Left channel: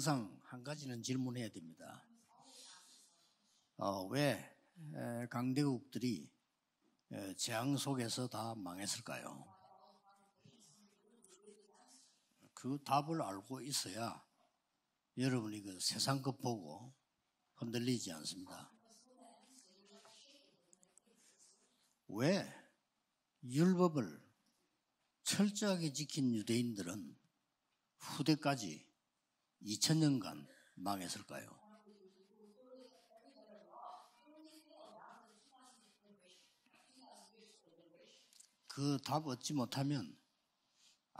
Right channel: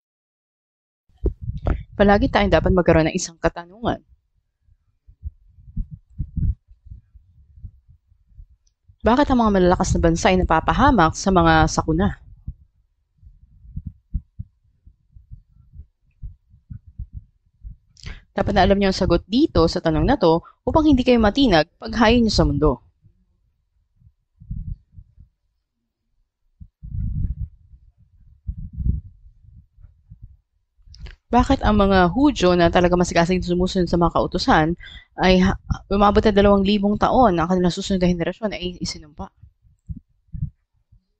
항상 한 가지는 질문해야 됩니다. Palagi tayong dapat magkaroon ng isang katanungan. 왜 강대국들이 재앙 속에서 다 망했을까? Bakit ang mga malalakas na bansa ay napapahamak sa mga sakuna? 그 답을 알고 있어야 여러분이 그 세상 것 보고 흔들리지 않습니다. Dapat na alam niyo ang sagot dito sa tanong na to upang hindi kayo matinag paghain niyo sa mundo. 율법을 철저하게 지킨 유대인들은 후대까지 2000년간 망했을 거예요. Bakit ang mga Hudyo na talaga masigasig sumusunod sa mga kautusan ay umabot na 2,000 taon ang kanilang susunod na henerasyon ay 그 답 isinumpa? 얻지 못하면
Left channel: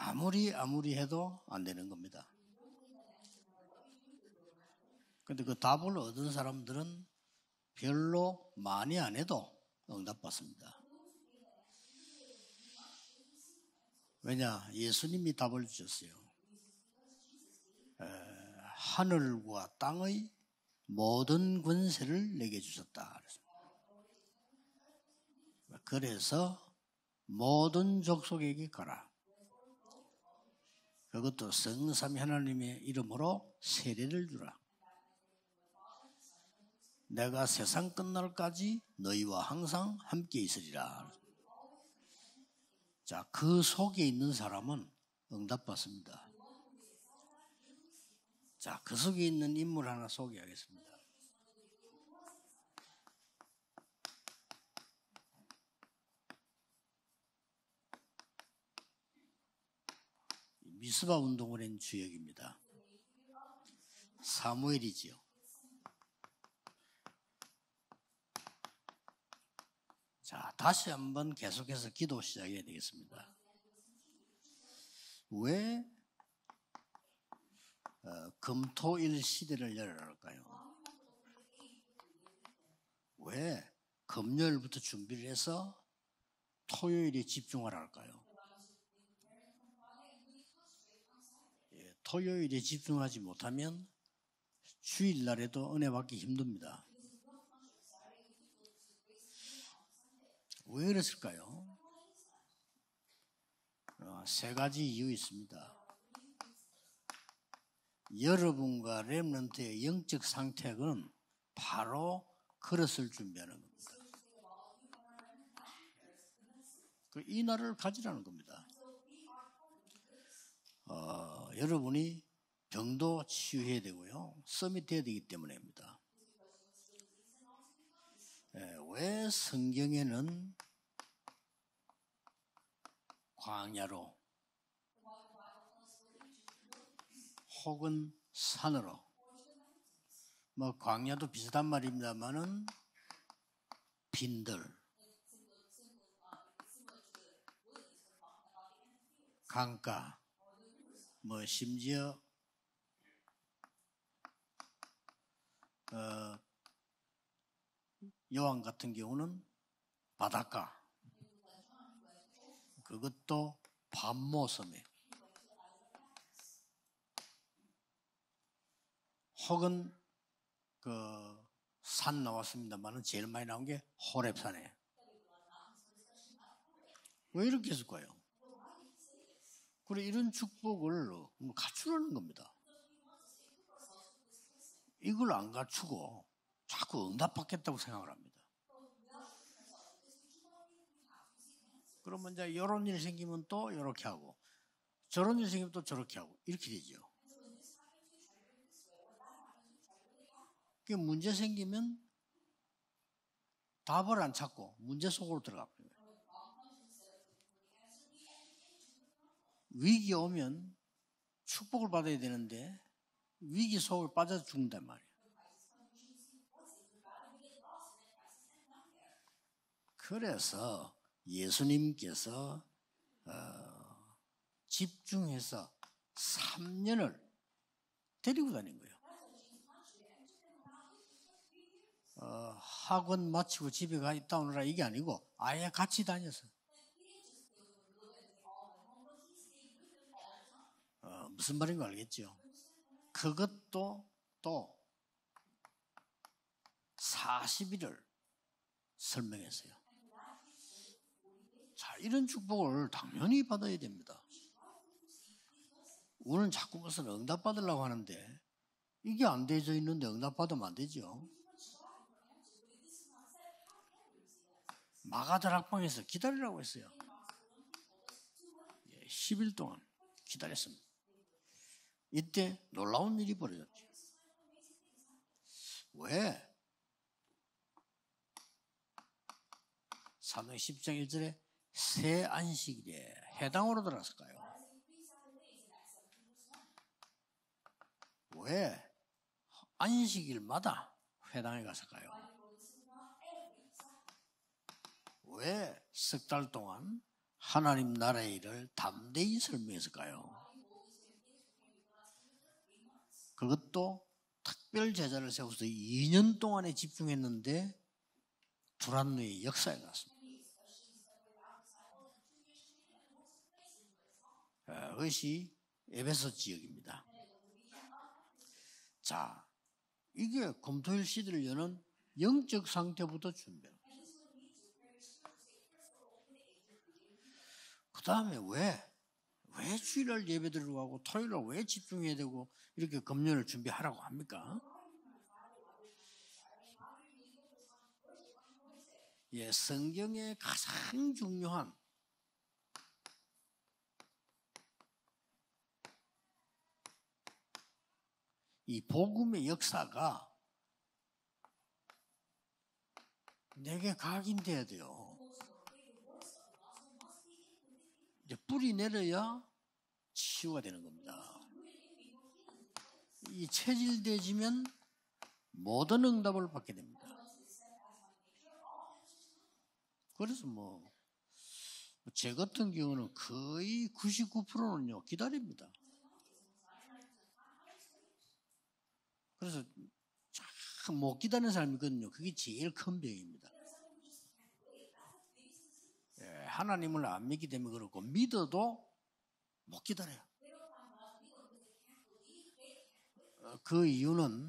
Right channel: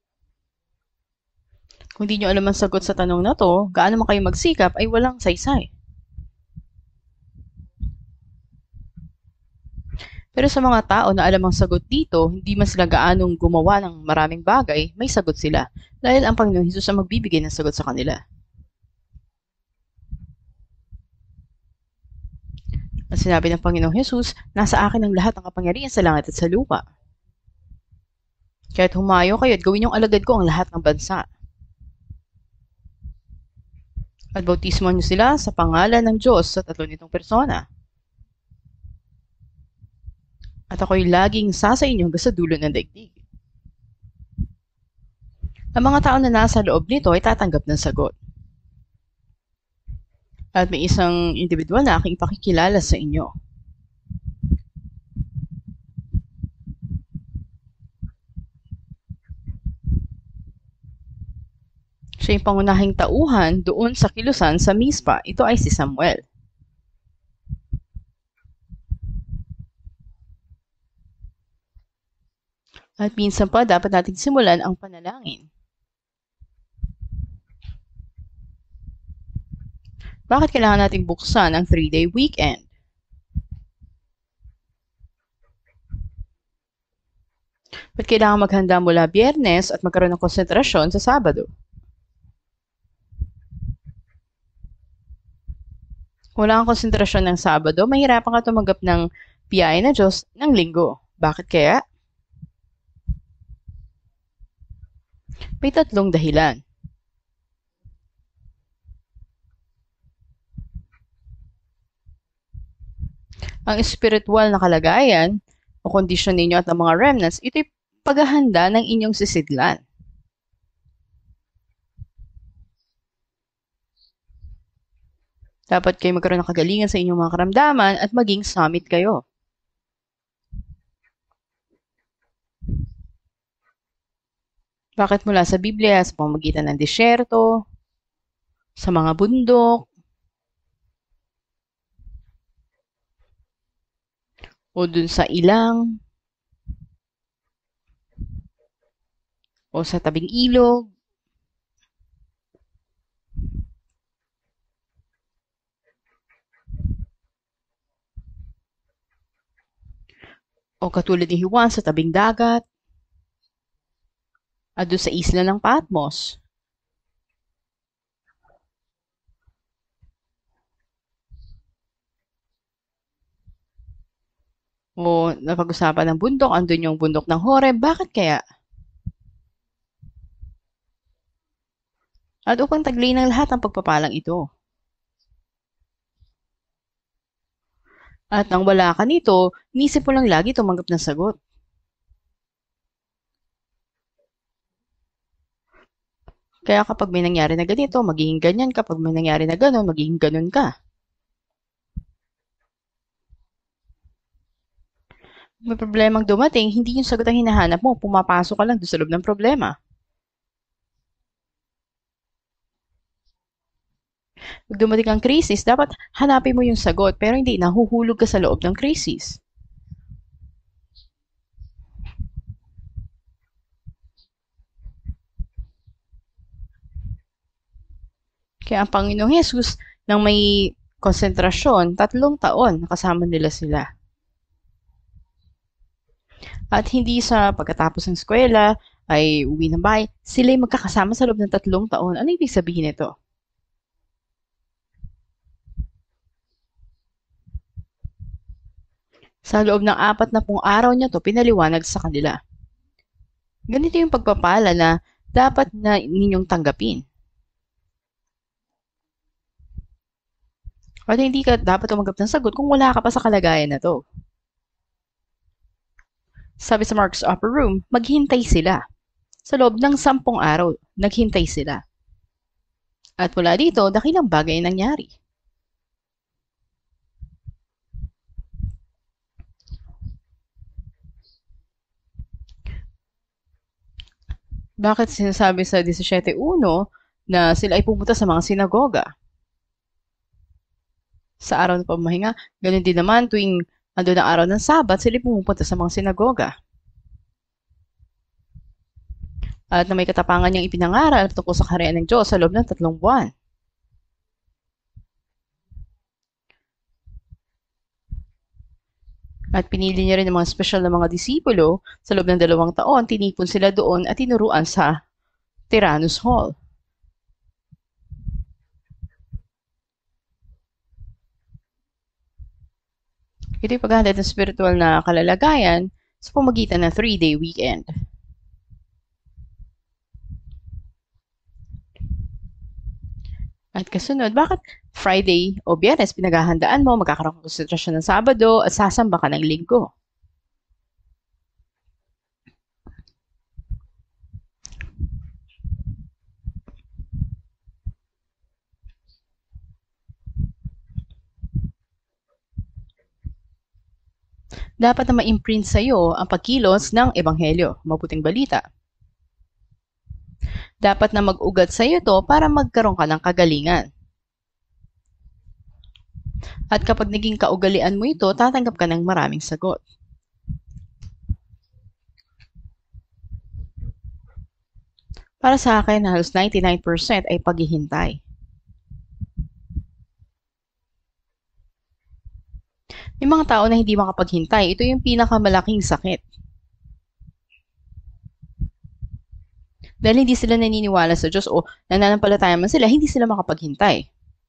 아무리 해도 안 되는 Kung 거예요. di nyo alam ang sagot sa tanong na to, gaano man kayo magsikap ay walang 그 saysay. 답을 얻은 사람들은 별로 많이 안 해도 응답받습니다. Pero sa mga tao na alam ang sagot dito, hindi man sila gaanong gumawa ng maraming bagay, may sagot sila. Dahil ang Panginoon Hesus ang magbibigay ng sagot sa kanila. 하늘과 땅의 모든 권세를 내게 주셨다. Ang sinabi ng Panginoong Hesus, nasa akin ang lahat ng kapangyarihan sa langit at sa lupa. 모든 족속에게 Kaya't humayo kayo at gawin yung alagad ko ang lahat ng bansa. 그것도 성삼위 하나님의 이름으로 세례를 At 주고 bautismo niyo sila sa pangalan ng Diyos sa tatlo nitong 내가 persona. 세상 끝날까지 너희와 항상 함께 있으리라. At ako'y laging sasa inyo hanggang sa dulo ng daigdig. 자, 그 속에 있는 사람은 응답받습니다. Ang mga tao na nasa loob nito ay tatanggap ng sagot. 자, 그 속에 있는 인물 하나 소개하겠습니다. At may isang individual na aking ipakikilala sa inyo. 미스바 운동을 한 주역입니다. Siya yung pangunahing tauhan doon sa kilusan sa Mispa. Ito ay si Samuel. 자, 다시 한번 계속해서 기도 시작해야 되겠습니다. At minsan pa, dapat natin simulan ang panalangin. 왜 금토일 시대를 열어볼까요? Bakit kailangan nating buksan ang 3-day weekend? 왜 금요일부터 준비를 해서 토요일에 집중하라? Ba't kailangan maghanda mula Biyernes at magkaroon ng konsentrasyon sa Sabado? 토요일에 집중하지 못하면 주일날에도 은혜 받기 힘들어요. Wala kang konsentrasyon ng Sabado, mahirapan ka tumanggap ng biyaya ng Diyos ng linggo. Bakit kaya? 세 가지 이유 있습니다. May 3 dahilan. 여러분과 렘넌트의 영적 상태는 바로 그릇을 준비합니다. Ang espiritual na kalagayan o kondisyon ninyo at ang mga remnants, ito'y paghahanda ng inyong sisidlan. 여러분이 병도 치유해야 되고요. 서밋해야 되기 때문에. Dapat kayo magkaroon ng kagalingan sa inyong mga karamdaman at maging summit kayo. 왜 성경에는 광야로 Bakit mula sa Biblia, sa pamamagitan ng disyerto, 혹은 산으로 sa mga bundok, 뭐 광야도 비슷한 말입니다만은 빈들, o dun sa ilang, 강가, o sa tabing ilog, 뭐 심지어 여왕 같은 경우는 바닷가, o katulad ni Juan sa tabing dagat, 그것도 밤모섬, at dun sa isla ng Patmos. 혹은 그 산 나왔습니다만은 제일 많이 나온 게 호렙산에. O napag-usapan ng bundok, andun yung bundok ng Horeb. Bakit kaya? 그리고 이런 축복을 갖추라는 겁니다. At upang taglay ng lahat ang pagpapalang ito. 이걸 안 갖추고 자꾸 응답받겠다고 생각합니다. At nang wala ka nito, inisip mo lang lagi tumanggap ng sagot. 그러면 이제 이런 일 생기면 또 이렇게 하고 저런 일 생기면 또 저렇게 하고 이렇게. Kaya kapag may nangyari na ganito, magiging ganyan. Kapag may nangyari na gano'n, magiging ganun ka. 문제 생기면 답을 안 찾고 문제 속으로 들어가. May problemang dumating, hindi yung sagot ang hinahanap mo. Pumapasok ka lang doon sa loob ng problema. 위기 오면 축복을 받아야 되는데 위기 속을 빠져든다. Pag dumating ang krisis, dapat hanapin mo yung sagot, pero hindi, nahuhulog ka sa loob ng krisis. 그래서 예수님께서 집중해서 3년을 데리고 다니고 Kaya ang Panginoong Jesus, nang may konsentrasyon, 3 taon, kasama nila sila. 집에 가 있다 오느라 이게 아니고 아예 같이 다녔어요. At hindi sa pagkatapos ng eskwela, ay uwi ng bahay, sila'y magkakasama sa loob ng 3 taon. Ano ibig sabihin nito? 그것도 또 40일을 설명했어요. Sa loob ng 40 araw niya to, pinaliwanag sa kanila. 축복을 당연히 받아야 Ganito yung pagpapala na dapat na ninyong tanggapin. 응답받으려고 하는데 이게 안 되져 있는데 응답받으면 안 되죠. Pwede hindi ka dapat tumanggap ng sagot kung wala ka pa sa kalagayan na to. 마가들 학방에서 기다리라고 Sabi sa Mark's upper room, maghintay sila. 10일 Sa loob ng 10 araw, naghintay sila. 이때 놀라운 At 일이 mula dito, dakilang bagay ang nangyari. 왜? 사도행 10장 1절에 새 안식에 해당으로 들었을까요? Bakit sinasabi sa 17.1 na sila ay pumunta sa mga sinagoga 안식일마다 sa araw ng pamahinga? Ganun din naman tuwing ando ng araw ng Sabat, sila ay pumupunta sa mga sinagoga. 하나님 나라의 일을 담대히 설명했습니다. At na may katapangan niyang ipinangaral tungkol sa kaharian ng Diyos sa loob ng 3 buwan. 그것도 특별 제자를 세워서 2년 동안에 집중했는데 두란노의 At 역사 pinili niya rin ng mga special na mga disipulo sa loob ng 2 taon, tinipon sila doon at tinuruan sa 그것이 Tyrannus Hall. 지역입니다. 자, 이게 금토일 시대를 여는 영적 상태부터 Ito yung paghahandad ng spiritual na kalalagayan sa pamagitan ng 3-day weekend. 그다음에 왜 주일날 예배드리러 가고 토요일날 왜 집중해야 되고 이렇게 금년을 At 준비하라고 kasunod, bakit Friday o Biyernes pinaghahandaan mo, magkakaroon ka ng konsentrasyon ng Sabado at sasamba ka ng Linggo? 성경의 가장 중요한 이 복음의 역사가 내게 각인돼야 돼요. Dapat na ma-imprint sa iyo ang pagkilos ng Ebanghelyo, mabuting balita. 불이 내려야 치유가 되는 거예요. Dapat na mag-ugat sa iyo to para magkaroon ka ng kagalingan. 일대지면 모든 응답을 받게 At kapag naging kaugalian mo ito, tatanggap ka ng maraming sagot. 그래서 제 같은 경우는 거의 99%는요 기다립니다. Para sa akin, halos 99% ay paghihintay. 그래서 참 못 기다리는 사람이거든요. 그게 제일 큰 거예요. Yung mga tao na hindi makapaghintay, ito yung pinakamalaking sakit. 하나님을 안 믿기 때문에 그렇고 믿어도 못 기다려. Dahil hindi sila naniniwala sa Diyos o nananampalataya man sila, hindi sila 그 makapaghintay. 이유는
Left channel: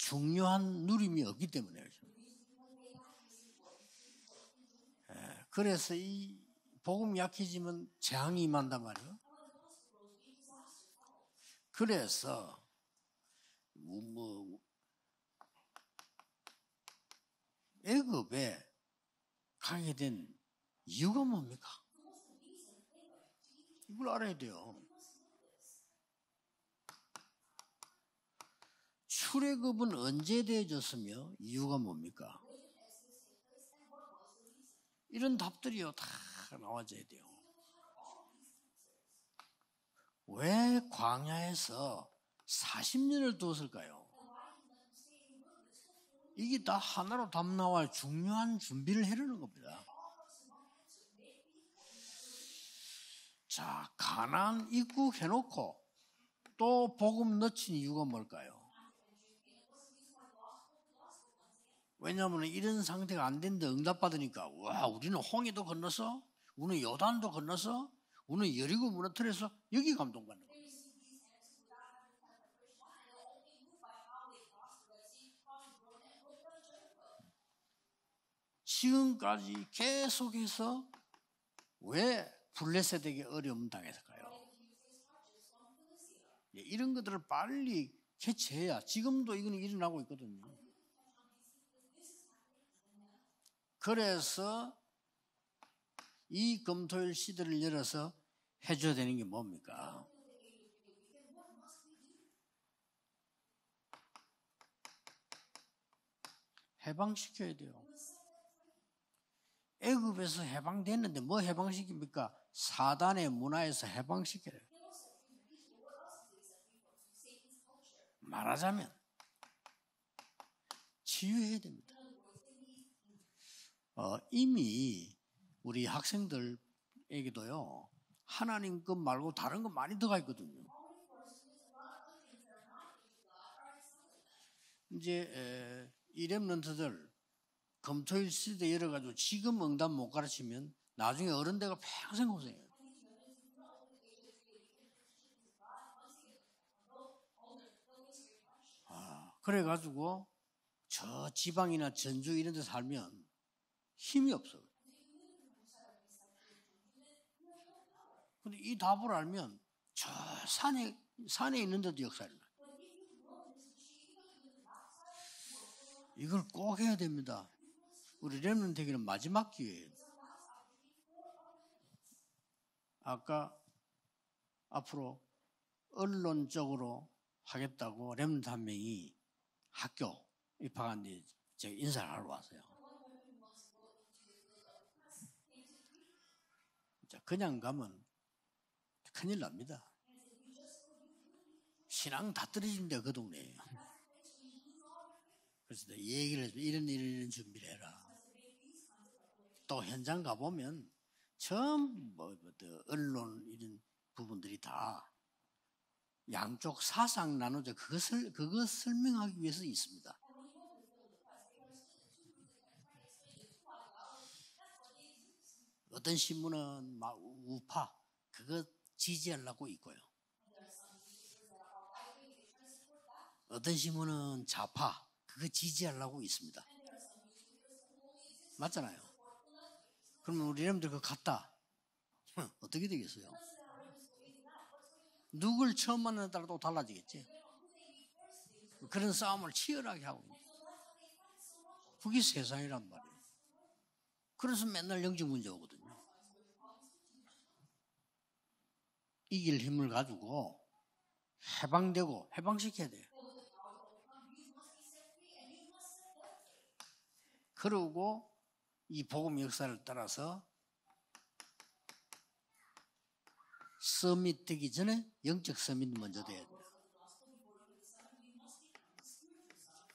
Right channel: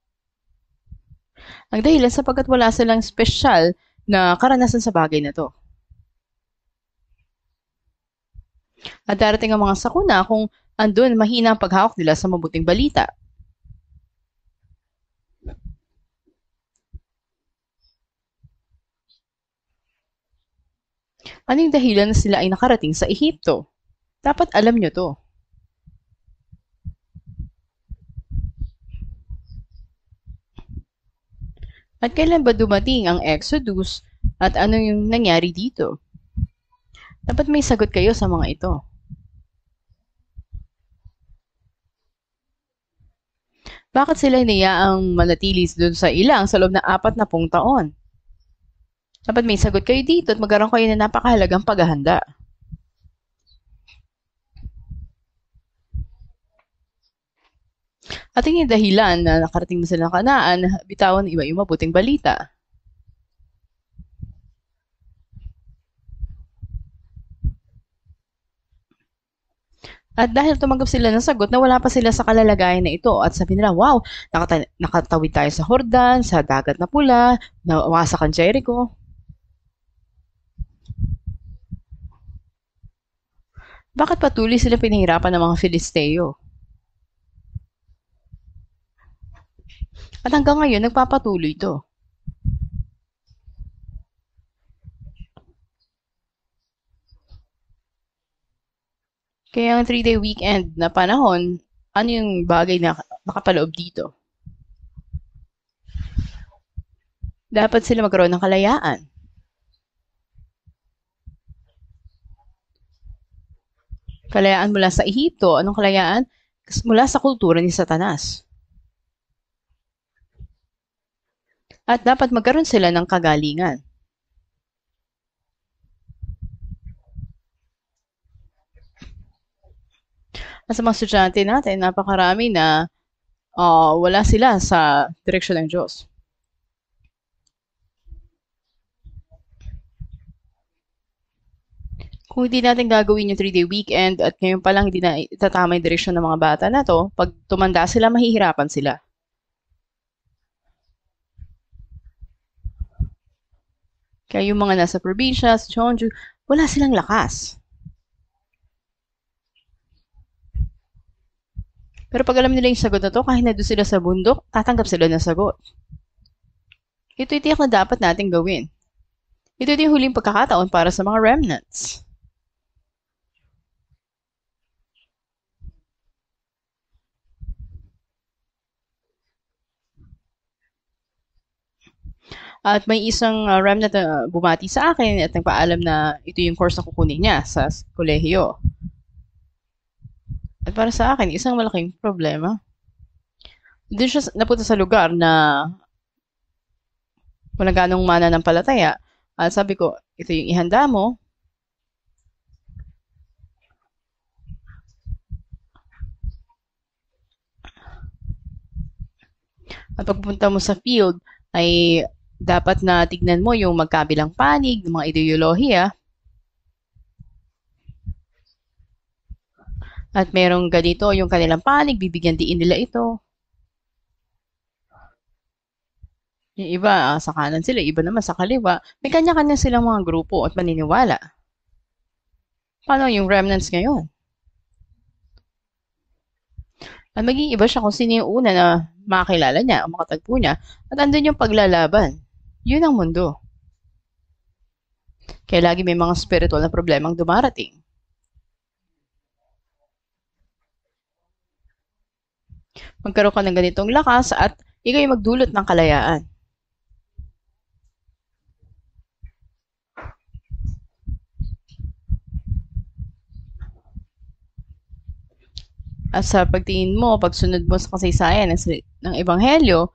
중요한 누림이 없기 때문에. Ang dahilan sapagkat wala silang special na karanasan sa bagay na to. 그래서 이 복음 약해지면 재앙이 임한단 말이에요. At darating ang mga sakuna kung andun mahina ang paghawak nila sa mabuting balita. 뭐, 애굽에 가게 된 이유가 뭡니까? Ano yung dahilan na sila ay nakarating sa Ehipto? 이걸 알아야 Dapat alam nyo to. 출애굽은 언제 되어졌으며 이유가 뭡니까? At kailan ba dumating ang Exodus at ano yung nangyari dito? 다 나와줘야 돼요. Dapat may sagot kayo sa mga ito. 왜 광야에서 40년을 두었을까요? Bakit sila hinayaang manatili doon sa ilang sa loob ng 40 taon? 중요한 준비를 해를. Dapat may sagot kayo dito at magkaroon kayo ng napakahalagang paghahanda. 자, 가나안 입국해놓고 또 복음 넣친 이유가 뭘까? At yung dahilan na nakarating na sila ng Kanaan, bitawan iba yung mabuting balita. 왜냐하면 이런 상태가 안 됐는데 응답받으니까 와 우리는 홍해도 건너서 우리는 요단도 건너서 우리는 여리고 무너뜨려서 여기 감독. At dahil tumanggap sila ng sagot na wala pa sila sa kalalagayan na ito at sabi nila, wow, nakatawid tayo sa Jordan, sa dagat na pula, nawasak ang Jericho. 지금까지 계속해서 왜 블레셋에게 어려움을 당했어? Bakit patuloy sila pinahirapan ng mga Filisteo? 이런 것들을 빨리 캐치해야 지금도 이거는 일어나고 있거든요. At hanggang ngayon, nagpapatuloy ito. 그래서 이 금토일 시대를 열어서 해줘야 되는 게 뭡니까? Kaya ang 3-day weekend na panahon, ano yung bagay na nakapaloob dito? 해방시켜야 돼. Dapat sila magkaroon ng kalayaan. 애굽에서 해방됐는데 뭐 해방시킵니까? 사단의 문화에서 해방시켜. Kalayaan mula sa Ehipto. Anong kalayaan? Mula sa kultura ni Satanas. 말하자면 치유해야 돼. At dapat magkaroon sila ng kagalingan. 이미 우리 학생들에게도요. 하나님 것 말고 다른 거 많이 들어가 있거든요. At sa mga estudyante natin, napakarami na wala sila sa direksyon ng Diyos. 이 렘넌트들 금토일 시대 열어가지고 지금 응답 못 가르치면 나중에 어른 돼가 평생 Kung hindi natin gagawin yung 3-day weekend at ngayon pa lang hindi na itatama yung direksyon ng mga bata na to, pag tumanda sila, mahihirapan sila. 그래가지고 저 지방이나 전주 이런 데 살면 힘이 Kaya yung mga nasa probinsya, sa Jeonju, wala silang lakas. 근데 이 답을 알면 저 산에 산에 있는데도 Pero pag alam nila yung sagot na to, kahit na doon sila sa bundok, tatanggap sila ng sagot. 이걸 꼭 해야 됩니다. Ito yung tiyak na dapat nating gawin. 렘넌트 되기는 마지막 Ito yung huling pagkakataon para sa mga remnants. 아까 앞으로 언론적으로 하겠다고 렘넌트 한 명이 학교 입학한데 인사를 하러 At may isang remnant na bumati sa akin at nagpaalam na ito yung course na kukunin niya sa kolehiyo. 큰일 납니다. At para sa akin, isang malaking problema. 떨어진다 그 동네. Doon siya napunta sa lugar na 그래서 얘기를 해서 이런 준비. walang ganong mananampalataya. At sabi ko, ito yung ihanda mo. 전부 언론 이런 부분들이 다 양쪽 사상 나누죠. 그거 설명하기 위해서 있습니다. At pagpunta mo sa field, ay dapat na tignan mo yung magkabilang panig, ng mga ideolohiya. 어떤 신문은 막 우파 그거 지지하려고 있고 At merong ganito yung kanilang panig, bibigyan diin nila ito. 어떤 신문은 좌파 그거 지지하려고 있습니다. Yung iba, sa kanan sila, iba naman sa kaliwa. May kanya-kanya silang mga grupo at paniniwala. 어떻게 Paano yung remnants ngayon? 누굴 처음 만나는 따라 또 달라졌지. At maging iba siya kung sino yung una na makakilala niya o makatagpo niya. At andun yung paglalaban. 이게 세상이야. Yun ang mundo. 그래서 맨날 영적 문제. Kaya lagi may mga spiritual na problemang dumarating. 이길 힘을 가지고 해방되고 해방시켜야 돼요. Magkaroon ka ng ganitong lakas at ikaw yung magdulot ng kalayaan. 그러고 이 복음 역사를 따라서 서밋 되기 전에 영적 서밋 먼저. At sa pagtingin mo, pagsunod mo sa kasaysayan ng Ebanghelyo,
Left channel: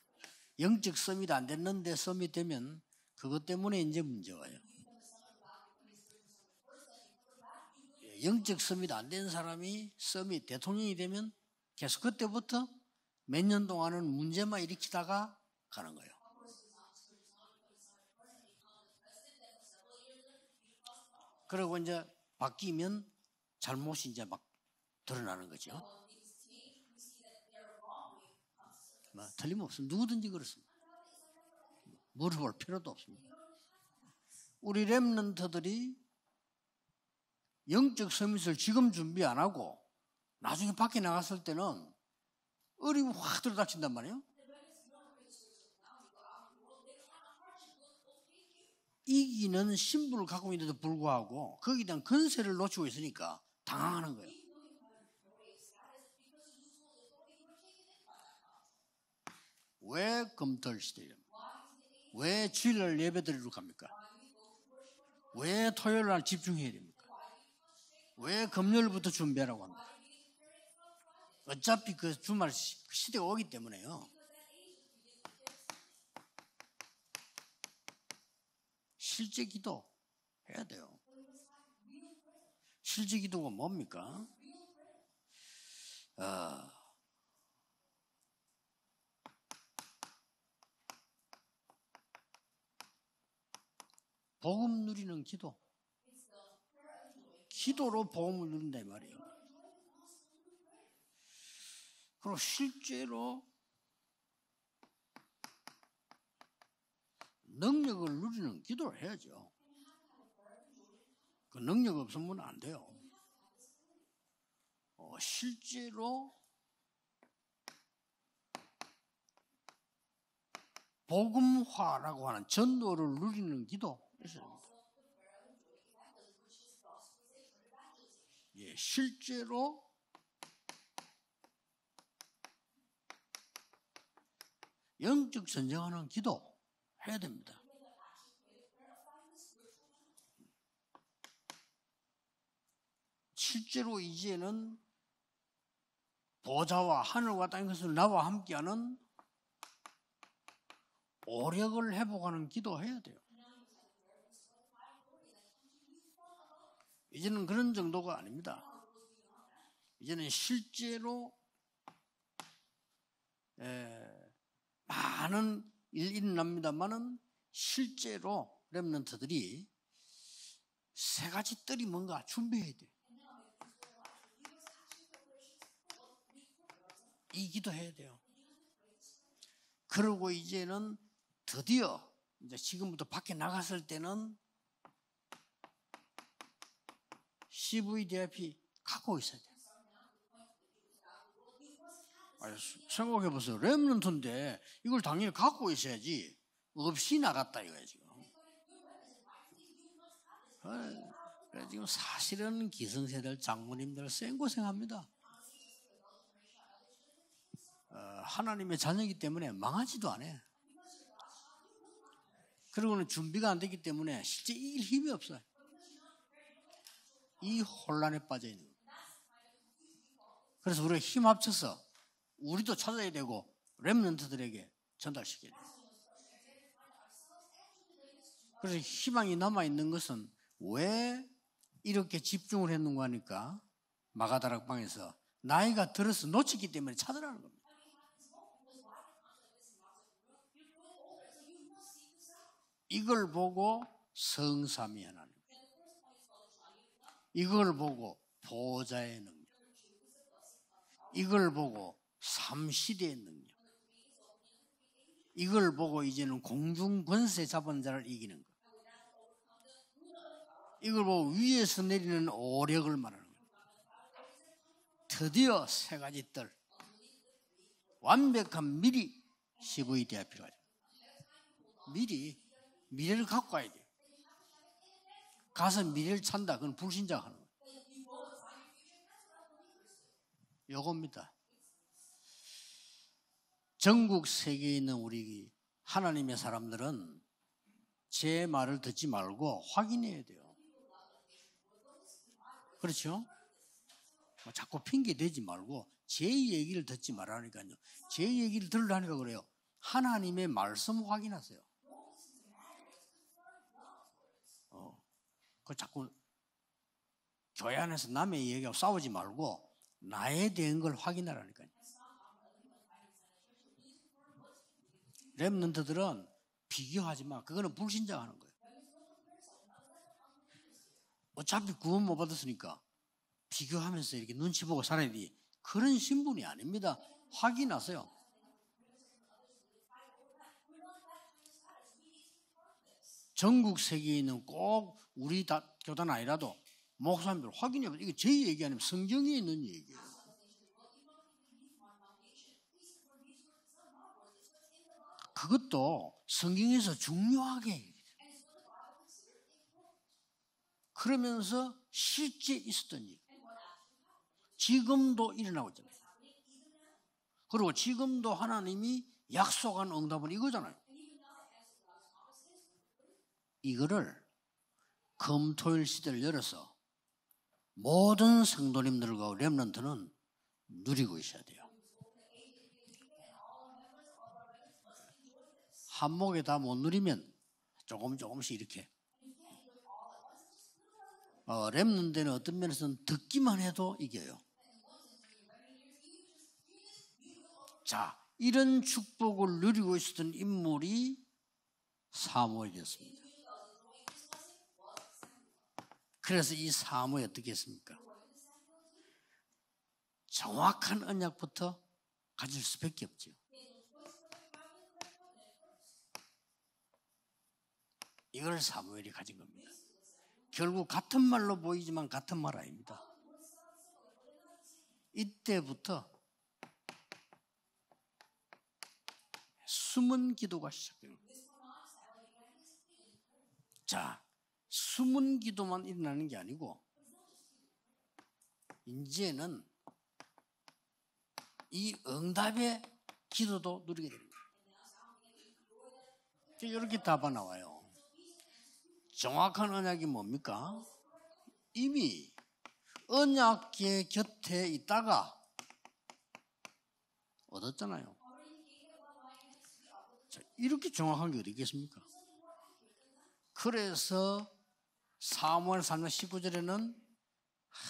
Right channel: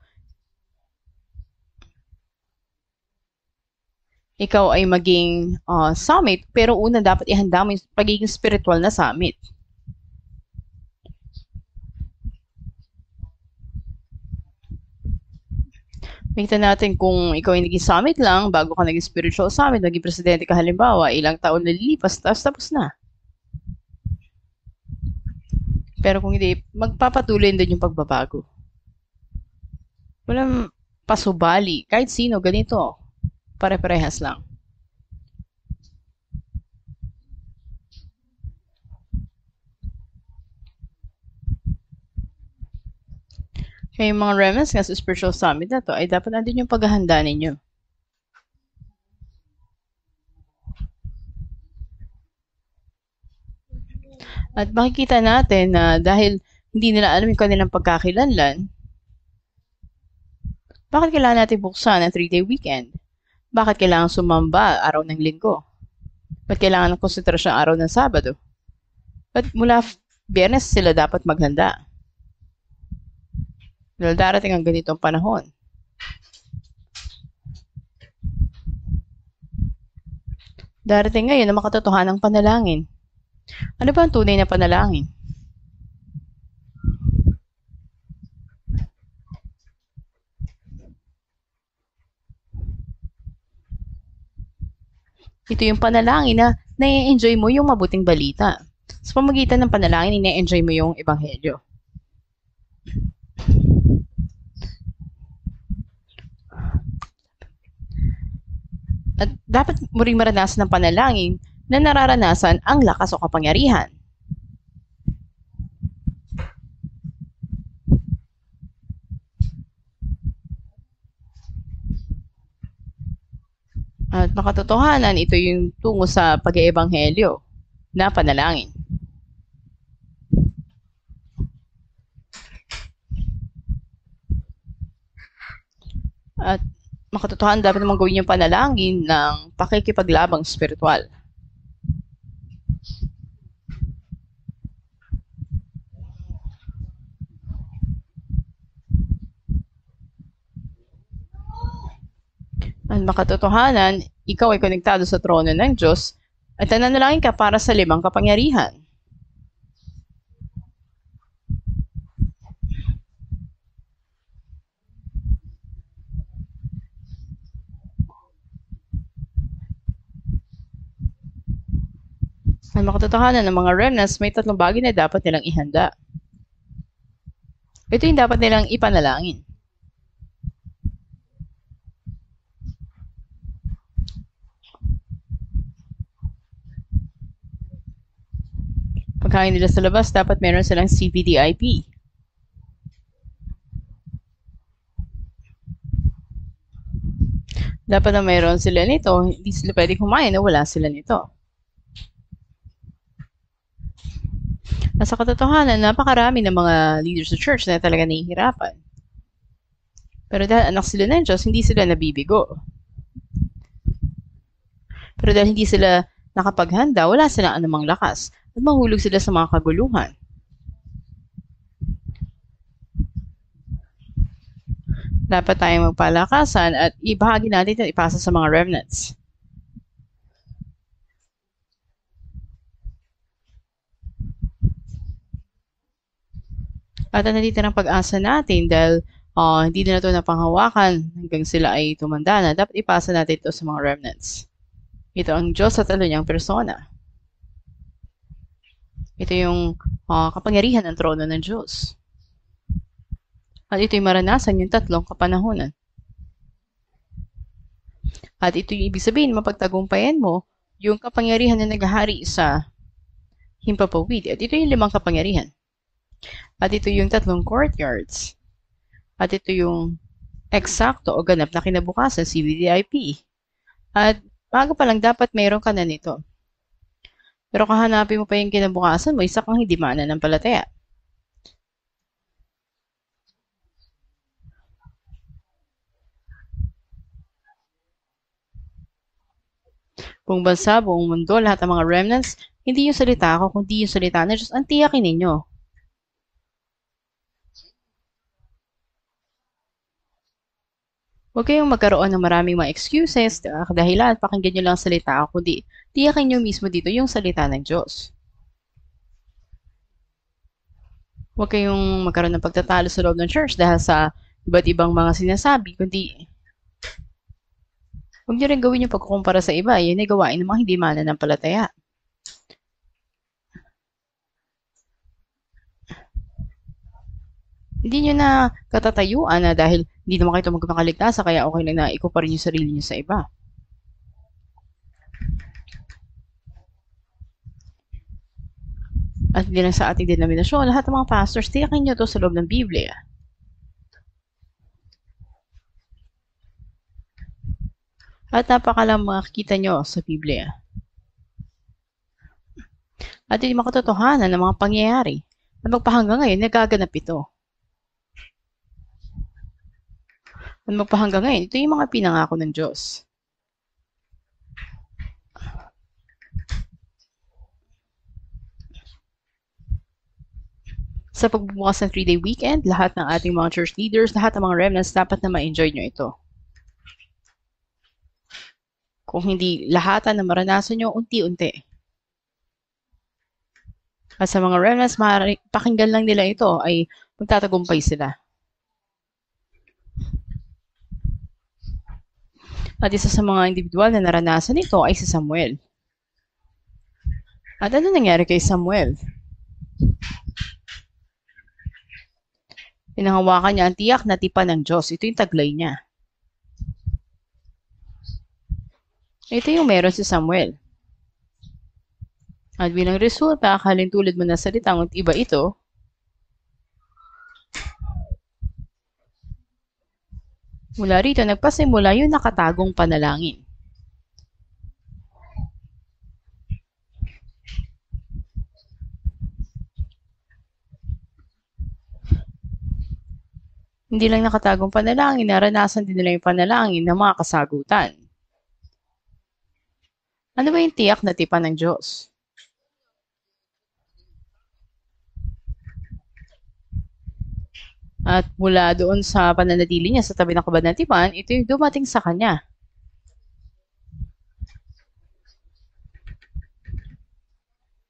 영적 서밋 안 됐는데 서밋 되면 그것 때문에 이제 문제. ikaw ay maging summit, pero una dapat ihanda mo yung pagiging spiritual na summit. 사람이 서밋 대통령이 되면 계속 그때부터 몇 년 동안은 문제만 일으키다가 가는 거예요. Makita natin kung ikaw ay naging summit lang, bago ka naging spiritual summit, naging presidente ka halimbawa, ilang taon na lilipas, tapos na. 잘못이 이제 막 드러나는 거죠. Pero kung hindi, magpapatuloy din yung pagbabago. 틀림없어. 누구든지 Walang pasubali. Kahit sino, ganito. Pare-parehas lang. 우리 렘넌트들이 영적 서밋을 지금 준비 안 하고 나중에 밖에 나갔을 때는 어리고 확 들어닥친단 Kaya 말이에요. yung mga remnants nga sa spiritual summit na to, ay dapat nandun yung paghahanda ninyo. 이기는 신분을 갖고 있는데도 불구하고 거기에 대한 건세를 놓치고 있으니까 당황하는 거예요. At makikita natin na dahil hindi nila alam yung kanilang pagkakilanlan, 왜 검토를 bakit kailangan natin buksan ang 3-day 왜 weekend? 주일 예배드리러 Bakit kailangan sumamba araw ng linggo? 왜 토요일 날 집중 Bakit kailangan ng konsentrasyon araw ng Sabado? 왜 금요일부터 At 준비하라고 mula Biyernes sila dapat maghanda. 어차피 그 주말 시대가 오기 때문에요. Dahil darating ang ganitong panahon. 실제 기도 해야 돼요. Darating ngayon na makatotohanang panalangin. 실제 기도가 뭡니까? Ano ba ang tunay na panalangin? 복음 누리는 기도. Ito yung panalangin na nai-enjoy mo yung mabuting balita. Sa pamagitan ng panalangin, nai-enjoy mo yung ebanghelyo. 그리고 실제로 능력을 누리는 기도를 At 해야죠. dapat mo ring maranasan ng panalangin na nararanasan ang lakas o kapangyarihan. 실제로 복음화라고 하는 전도를 누리는 기도. At makatotohanan, ito yung tungo sa pag-eebanghelyo na panalangin. 실제로 영적 전쟁하는 기도. At makatotohanan, dapat naman gawin yung panalangin ng pakikipaglabang spiritual. 실제로 이제는 보좌와 하늘과 땅의 것을 나와 함께하는 오력을 회복하는 기도해. At makatotohanan, ikaw ay konektado sa trono ng Diyos at nananalangin ka para sa limang kapangyarihan. 이제는 실제로 많은 일이 납니다만은 실제로 렘넌트들이 세 가지 뜰이 뭔가 준비해. At makatotohanan ng mga remnants, may tatlong bagay na dapat nilang ihanda. 이 기도해. Ito yung dapat nilang ipanalangin. 그리고 이제는 드디어 이제 지금부터 밖에 나갔을 때는 CVDIP 갖고 있어요. Pagkain nila sa labas, dapat meron silang CVDIP. 생각해보세요. 렘넌트인데 이걸 당연히 갖고 있어야지. 없이 나갔다 이거지. Dapat na meron sila nito. Hindi sila pwede kumain na wala sila nito. 그래서 지금 사실은 기성세대들 장로님들 생고생합니다. At sa katotohanan, napakarami ng mga leaders sa church na talaga nahihirapan. 하나님의 자녀이기 때문에 망하지도 않아요. Pero dahil anak sila ng Diyos, hindi sila nabibigo. 그리고는 준비가 안 되기 때문에 실제 이길 힘이 없어요. Pero dahil hindi sila nakapaghanda, wala silang anumang lakas. At mahulog sila sa mga kaguluhan. 그래서 우리가 힘 합쳐서 우리도 찾아야 되고 렘넌트들에게 전달시켜야 돼요. Dapat tayong magpalakasan at ibahagi natin at ipasa sa mga remnants. 희망이 남아있는 것은 왜 이렇게 집중을 했는가 하니까 마가다락방에서 나이가 들어서 놓쳤기 때문에 At ang nandito ng pag-asa natin dahil hindi na ito napanghawakan hanggang sila ay tumanda na. Dapat ipasa natin ito sa mga remnants. 성삼위하는 Ito ang Diyos sa talo niyang persona. 이걸 보고 보호자의 Ito yung kapangyarihan ng trono ng 이걸 보고 Diyos. 삼시대의 능력 At ito'y maranasan yung tatlong kapanahonan. 이걸 보고 이제는 공중 권세 잡은 자를 이기는 At ito yung ibig sabihin, mapagtagumpayan mo yung kapangyarihan na naghahari sa 오력을 말하는 거예요. himpapawid. At ito yung limang kapangyarihan. 드디어 세 가지 뜰 At ito yung tatlong courtyards. 완벽한 미리 At ito yung CVDIP가 필요해요. eksakto o ganap na kinabukasan, CVDIP. 얘를 갖고 와야 돼. At bago pa lang dapat mayroon ka 가서 na nito. 얘를 찬다. 그건 불신자 하는 Pero kahanapin mo pa yung kinabukasan mo, isa kang hindi mananampalataya. 요겁니다. 전국 세계에 있는 우리 하나님의 사람들은 제 말을 듣지 말고 확인해야 돼. Buong bansa, buong mundo, lahat ng mga remnants, hindi yung salita ko, kundi yung salita ng Diyos. Ang tiyakin ninyo. 듣지 말고 제 얘기를 듣지 말라니까요. 제 얘기를 들으라니까 그래요. 하나님의 말씀 확인하세요. Huwag kayong magkaroon ng maraming mga excuses, dahilan, pakinggan nyo lang ang salita ko, kundi tiyakin nyo mismo dito yung salita ng 교회 Diyos. 안에서 남의 얘기하고 싸우지 말고 나에 대한 걸 확인하라. Huwag kayong magkaroon ng pagtatalo sa loob ng church dahil sa iba't ibang mga sinasabi, kundi 비교하지 마. 그거는 불신자. huwag nyo rin gawin yung pagkukumpara sa iba. Yun ay gawain ng mga hindi mananampalataya. 어차피 구원 못 받았으니까 비교하면서 이렇게 눈치 보고 살아야 돼. 그런 신분이 아닙니다. 확인하세요. Hindi nyo na katatayuan na dahil hindi naman kayo magmakaligtasan, kaya okay lang na ikupa rin yung sarili nyo sa iba. 전국 세계에 있는 꼭 우리 교단 아니라도 목사님들 확인해봐. 이게 제 얘기 아니면 성경이 At hindi lang sa ating denominasyon, lahat ng mga pastors, tiyakin nyo to sa loob ng Biblia. 그것도 성경에서 중요하게 At napakalang makikita nyo sa Biblia. 그러면서 실제 있었던 At yung mga katotohanan ng mga pangyayari 지금도 일어나고 na magpahanggang ngayon, nagaganap ito. 그리고 지금도 하나님이 약속한 응답을 이거잖아요. At magpahanggang ngayon, ito yung mga pinangako ng Diyos. 이거를 금토일 시대를 열어서 모든 성도님들과 렘넌트는 누리고 Sa 있어요. pagbubukas ng 3-day weekend, lahat ng ating mga church leaders, lahat ng mga remnants, dapat na ma-enjoy nyo ito. 한목에 다 못 누리면 조금씩 이렇게 Kung hindi lahatan na maranasan nyo, unti-unti. 렘넌트는 어떤 면에서는 듣기만 해도 이게 At sa mga remnants, pakinggan lang nila ito, ay magtatagumpay sila. 이런 축복을 누리고 있었던 인물이 사무엘이었어요. At isa sa mga individual na naranasan ito ay si Samuel. 그래서 이 사무엘 어떻게 했어요? At ano nangyari kay Samuel? 정확한 언약부터 가진 스펙. Pinanghawakan niya ang tiyak na tipan ng Diyos. Ito yung taglay niya. 이걸 사무엘이 가지고 Ito yung meron si Samuel. 결국 같은 말로 보이지만 같은 말 At bilang resulta, akaling tulad mo na salita, ngunit iba ito, 그때부터 숨은 기도가 mula rito, nagpasimula yung nakatagong panalangin. 자, 숨은 기도만 일어나는 게 아니고 이제는 이 응답의 기도도 Hindi lang nakatagong panalangin, naranasan din nila yung panalangin ng mga kasagutan. 정확한 언약이 뭡니까? Ano ba yung tiyak na tipan ng Diyos? 이미 언약계 곁에 있다가 얻었잖아요. At mula doon sa pananatili niya sa tabi ng kabad ng tipan, ito yung dumating sa kanya. 그래서 사무엘 3장 19절에는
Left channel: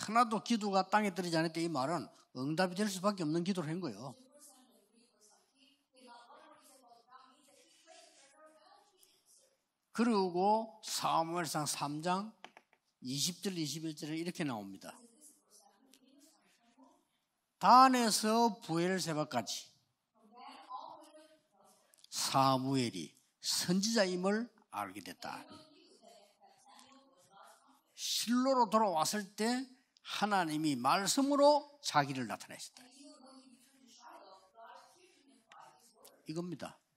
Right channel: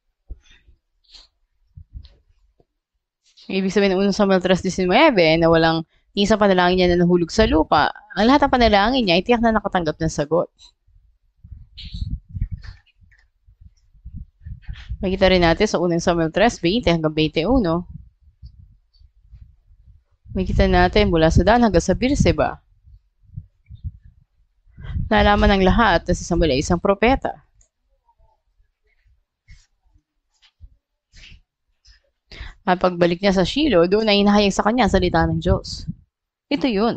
하나도 기도가 땅에 떨어지지 않을 때 이 말은 응답이 될 수밖에 없는 기도. Ibig sabihin ng 1 Samuel 3:19 na walang isang panalangin niya na nahulog sa lupa. Ang lahat ng panalangin niya ay tiyak na nakatanggap ng sagot. 그리고 사무엘상 3장 20절 21절에 이렇게 나옵니다. Makita rin natin sa 1 Samuel 3:20 hanggang 21. 단에서 부엘세바까지 Makita natin mula sa Dan hanggang sa Beerseba. 사무엘이 선지자임을 알게 됩니다. Nalaman ng lahat na si Samuel ay isang propeta. 실로로 돌아왔을 때 하나님이 말씀으로 자기를 나타냈습니다. At pagbalik niya sa Shiloh, doon ay inahayag sa kanya ang salita ng Diyos. Ito 이겁니다. yun.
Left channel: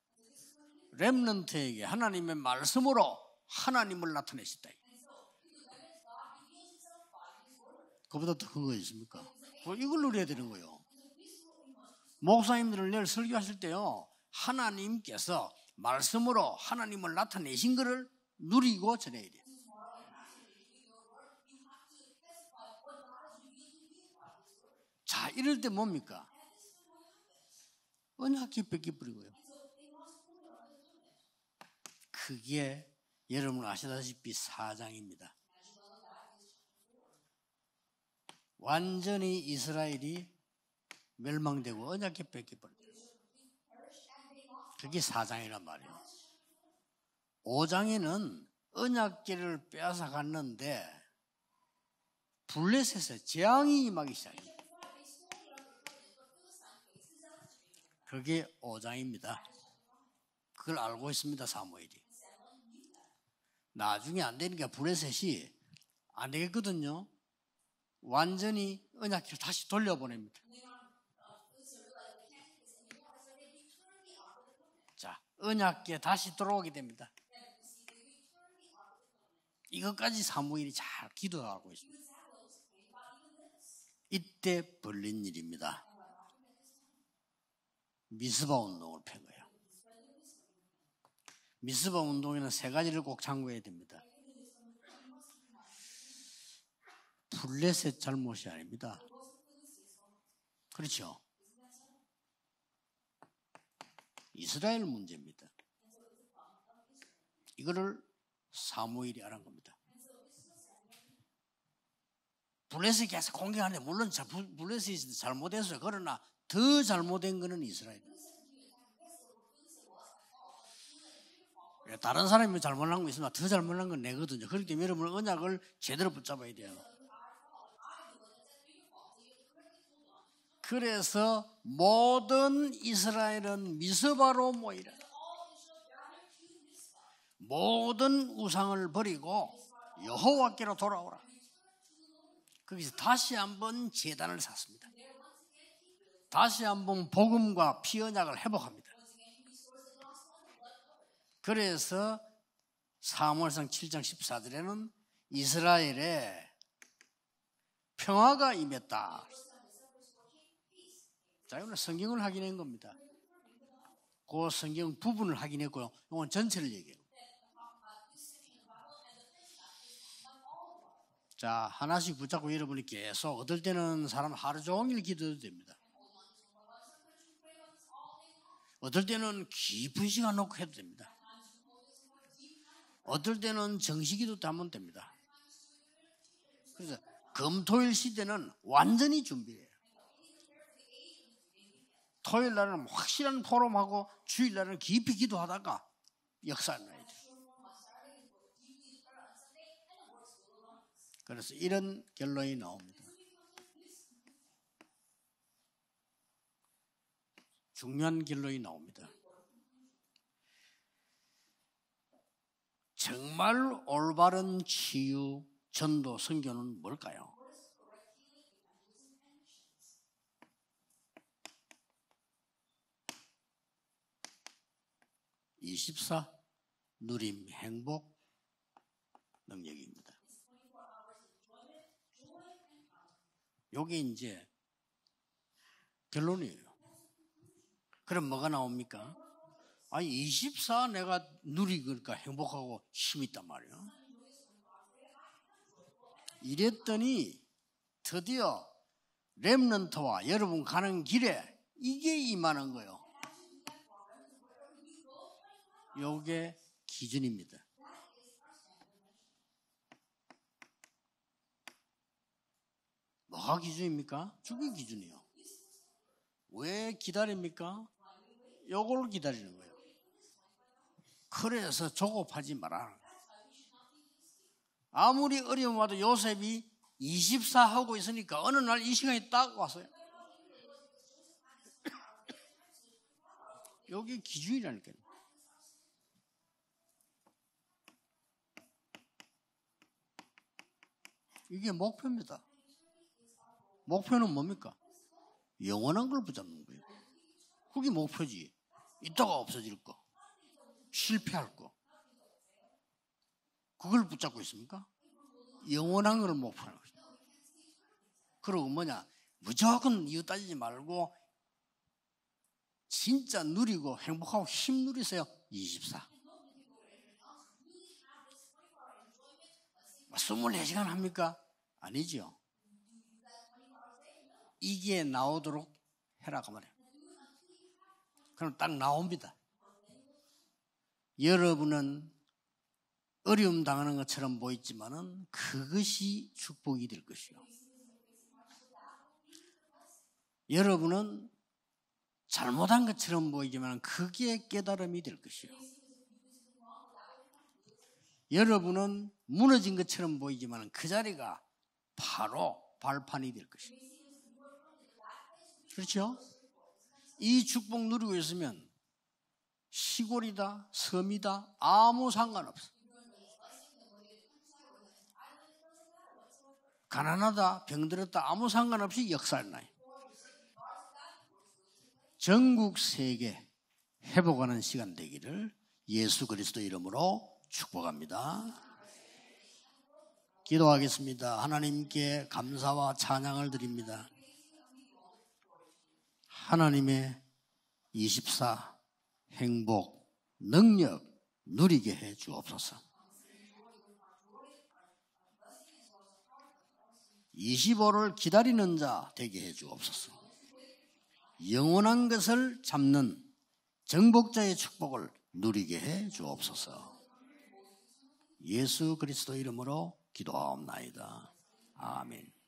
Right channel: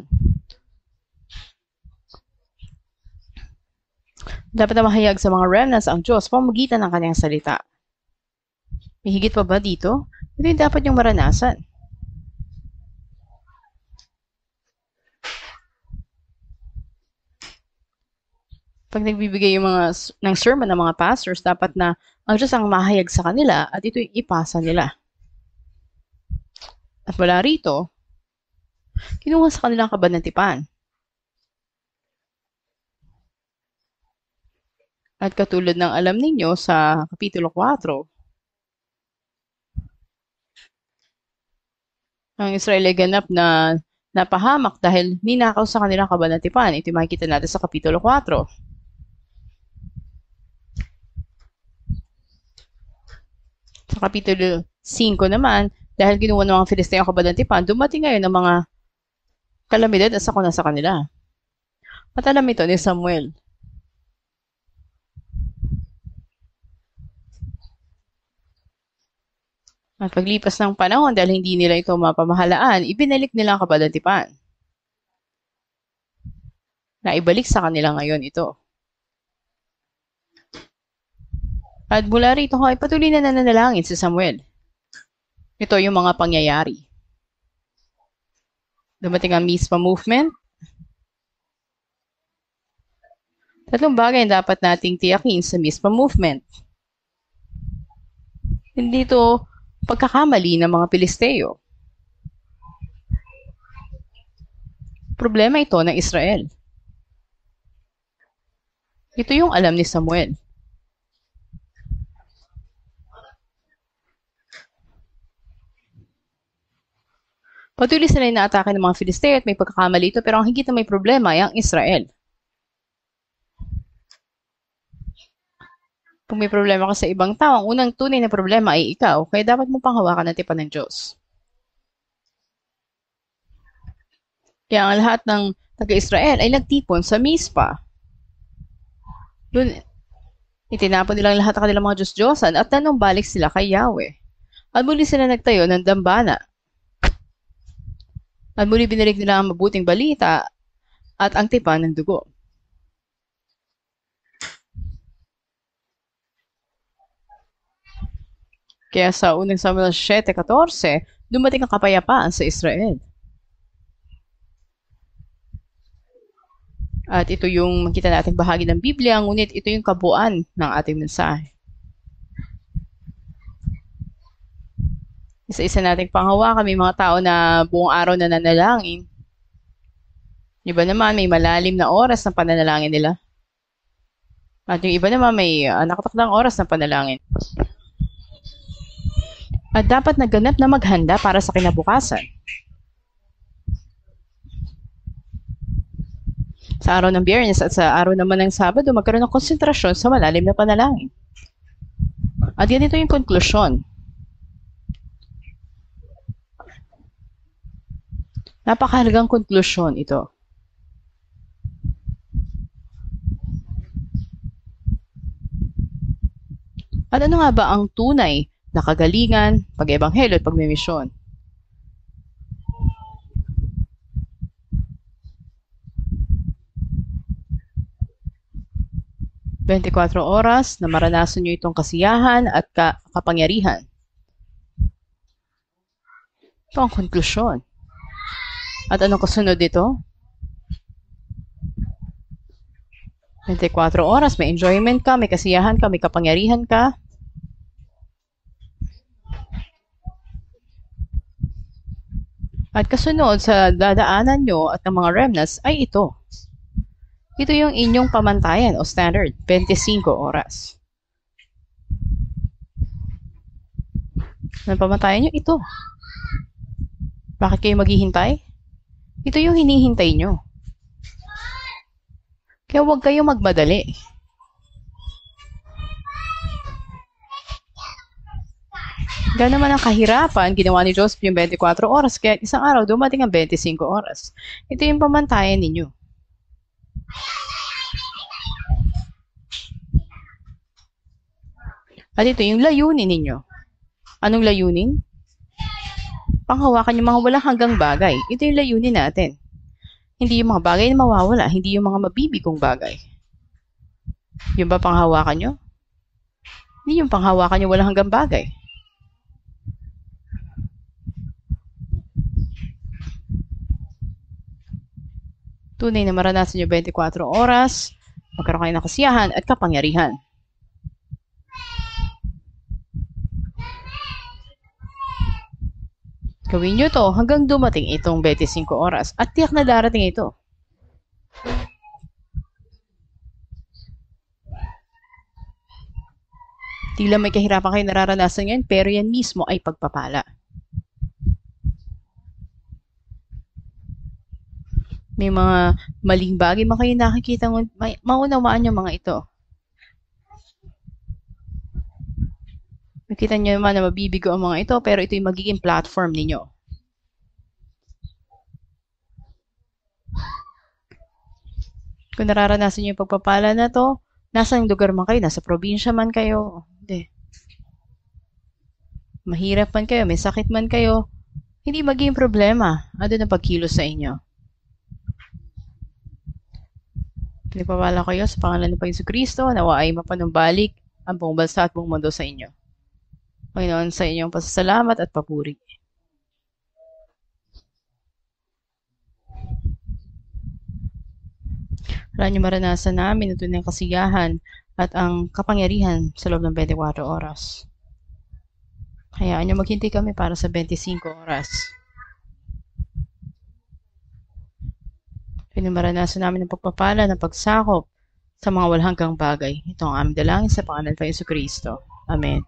렘넌트에게 하나님의 말씀으로 하나님을 나타냈습니다. Dapat na mahayag sa mga remnants ang Diyos pamagitan ng kanyang salita. 그보다 더 큰 거 있습니다. May higit pa ba dito? 이걸 누려야 Ito 되는 yung dapat yung maranasan. 목사님들을 늘 설교하실 때요. 하나님께서 말씀으로 하나님을 나타내신 것을 누리고 Pag nagbibigay yung ng sermon ng mga pastors, dapat na ang Diyos ang mahayag sa kanila at ito yung ipasa nila. 자, 이럴 때 뭡니까? At mula rito, 언약 깊게 뿌리는 kinuha sa kanilang kabanatipan. 그게 여러분 아시다시피 4장입니다. At katulad ng alam ninyo sa Kapitulo 4, 완전히 이스라엘이 멸망되고 언약 깊게 ang Israel ay ganap na napahamak dahil ninakaw sa kanilang kabanatipan. Ito yung makikita natin sa Kapitulo 4. 언약궤를 빼앗아 갔는데 블레셋의 재앙이 Sa Kapitulo 5 naman, dahil kinuha ng mga Filisteo ang kabanatipan, dumating ngayon ng mga 5장입니다. kalamidad at sakuna sa kanila. 하고 있습니다, 사무엘. At alam ito ni Samuel. 나중에 안 되니까 블레셋이 안 되겠거든요. 완전히 언약궤를 다시 돌려버려. At paglipas ng panahon, dahil hindi nila ito mapamahalaan, ibinalik nila ang kabanatipan. 자, 언약궤 다시 들어오게 됩니다. Na ibalik sa kanila ngayon ito. 이것까지 사무엘이 잘 기도하고 있습니다. At mula rito ay patuloy na nananalangin si Samuel. 이때 벌린 일입니다. Ito yung mga pangyayari. 미스바 운동. Dumating ang Mizpah movement. 미스바 운동에는 세 가지를 꼭 참고해야 돼요. Tatlong bagay ang dapat nating tiyakin sa Mizpah movement. 블레셋 잘못이 아닙니다. Hindi ito pagkakamali ng mga Pilisteo. 이스라엘 문제. Problema ito ng Israel. 이거를 사무엘이 Ito yung alam ni Samuel. 블레셋이 계속 공격하는데 물론 블레셋이 잘못했어요. 그러나 더 잘못된 거는 이스라엘. Patuloy sila inaatake ng mga Filisteo at may pagkakamali ito, pero ang higit na may problema ay ang Israel. 다른 사람이 잘못한 거 있으면 더 잘못한 건 내거든요. 그렇기 때문에 여러분 언약을 제대로 붙잡고. Kung may problema ka sa ibang tao, ang unang tunay na problema ay ikaw, kaya dapat mo panghawakan ang tipan ng Diyos. 그래서 모든 이스라엘은 미스바로 Kaya ang lahat ng taga-Israel ay nagtipon sa Mizpah. 모든 우상을 버리고 Doon, 여호와께로 itinapon nilang lahat ang kanilang mga Diyos-Diyosan at nanumbalik sila kay Yahweh. 제단을 샀습니다. At muli sila nagtayo ng dambana. 다시 한번 복음과 피 언약을 해보. At muli binalik nila ang mabuting balita at ang tipan ng dugo. 사무엘상 7장 14절에는 이스라엘에 평화가 임했다. Kaya sa unang Samuel 7:14, dumating ang kapayapaan sa Israel. 그 성경 부분을 확인했고요. 이건 전체를 얘기해요. At ito yung makita nating bahagi ng Biblia, ngunit ito yung kabuuan ng ating mensahe. 자, 하나씩 붙잡고 여러분이 계속 어떨 때는 사람 하루 종일 기도해도 돼요. Isa-isa nating panghawakan, may mga tao na buong araw na nanalangin. 어떨 때는 깊은 시간 놓고 해도 Yung iba naman may malalim na oras ng pananalangin nila. 어떨 때는 정식기도 한번 At yung iba naman may nakatakdang oras ng panalangin. 금토일 시대는 완전히 준비해요. At dapat naganap na maghanda para sa kinabukasan. 토요일 날은 확실한 포럼하고 주일 날은 깊이 기도하다가 역사. Sa araw ng Biyernes at sa araw naman ng Sabado, magkaroon ng konsentrasyon sa malalim na panalangin. 그래서 이런 결론이 At ganito yung konklusyon. 중요한 결론이 Napakahalagang konklusyon ito. 정말 올바른 치유 전도 선교는 뭘까요? At ano nga ba ang tunay na kagalingan, pag-ebanghelyo at pagmimisyon? 24 누림 행복 24 oras na maranasan nyo itong kasiyahan at kapangyarihan. 이게 이제 결론이에요. Ito ang konklusyon. 그럼 뭐가 나옵니까? At anong kasunod dito? 24 내가 누리니까 행복하고 힘이 있다. 24 oras, may enjoyment ka, may kasiyahan ka, may kapangyarihan ka. 그랬더니 드디어 렘넌트와 여러분 가는 길에 이게 임하는 거. At kasunod sa dadaanan nyo at ng mga remnants ay ito. 이게 기준입니다. Ito yung inyong pamantayan o standard, 25 oras. 뭐가 기준입니까? Ang pamantayan nyo, ito. 왜 기다립니까? Bakit kayo maghihintay? 요걸 Ito 기다려. yung hinihintay nyo. 그래서 조급하지 마라. Kaya huwag kayo magmadali. 아무리 어려움 와도 요셉이 24 하고 있으니까 어느 날 이 시간이 딱 Gano'n naman ang kahirapan, ginawa ni Joseph yung 24 oras, kaya isang araw dumating ang 25 oras. 기준이라는 Ito yung pamantayan ninyo. 이게 이게 목표입니다. At ito yung layunin ninyo. 목표는 Anong layunin? 영원한 걸 붙잡는 Panghawakan yung mga walang hanggang bagay. Ito yung layunin natin. 거가 없어질 거. Hindi yung mga bagay na mawawala. Hindi yung mga mabibigong bagay. 그걸 붙잡고 있어요. Yung ba panghawakan nyo? 영원한 걸 목표. Hindi yung panghawakan yung walang hanggang bagay. 그리고 뭐냐? 무조건 이유 따지지 말고 진짜 누리고 행복하고 힘 누리세요. 20. Tunay na maranasan nyo 24 oras, magkaroon kayo ng kasiyahan at kapangyarihan. 24시간 합니까? 아니죠. 이게 나오도록 해라. Gawin nyo to hanggang dumating itong 25 oras at tiyak na darating ito. 여러분은 어려움 당하는 것처럼 보이지만은 그것이 축복이 돼요. Tila may kahirapan kayo nararanasan ngayon, pero yan mismo ay pagpapala. 여러분은 잘못한 것처럼 보이지만 그게 깨달음이 될 May 거예요. mga maling bagay man kayo nakikita, maunawaan yung mga ito. 무너진 것처럼 보이지만 그 자리가 바로 발판. Nakita nyo naman na mabibigo ang mga ito, pero ito yung magiging platform ninyo. 이 축복 누리고 있으면 시골이다, 섬이다, 아무 Kung 상관 nararanasan nyo yung pagpapala na to, nasang lugar man kayo, nasa probinsya man kayo, 가난하다, 병들었다, 아무 상관없이 역사 mahirap man kayo, may sakit man kayo, hindi magiging problema. Ano ang pagkilos sa inyo? 회복하는 시간 되기를 예수 그리스도 이름으로 Pinagpapala kayo sa pangalan ng Panginoon Kristo, nawa ay mapanumbalik 기도하겠습니다. ang buong bansa at buong mundo sa 하나님께 inyo. 감사와 찬양을 Panginoon, 드립니다. sa inyong pasasalamat at papuri. 하나님의 24 행복, 능력 누리게 해주옵소서. Wala niyo maranasan namin ito ng kasiyahan at ang kapangyarihan sa loob ng 24 oras. 25를 기다리는 자, Hayaan niyo maghintay kami para sa 25 oras. 영원한 것을 잡는 정복자의 축복을 누리게 Pinamaranasan namin ng 해주옵소서. pagpapala ng pagsakop sa mga walhanggang bagay. Ito ang aming dalangin sa pangalan ng Panginoon Kristo. Amen.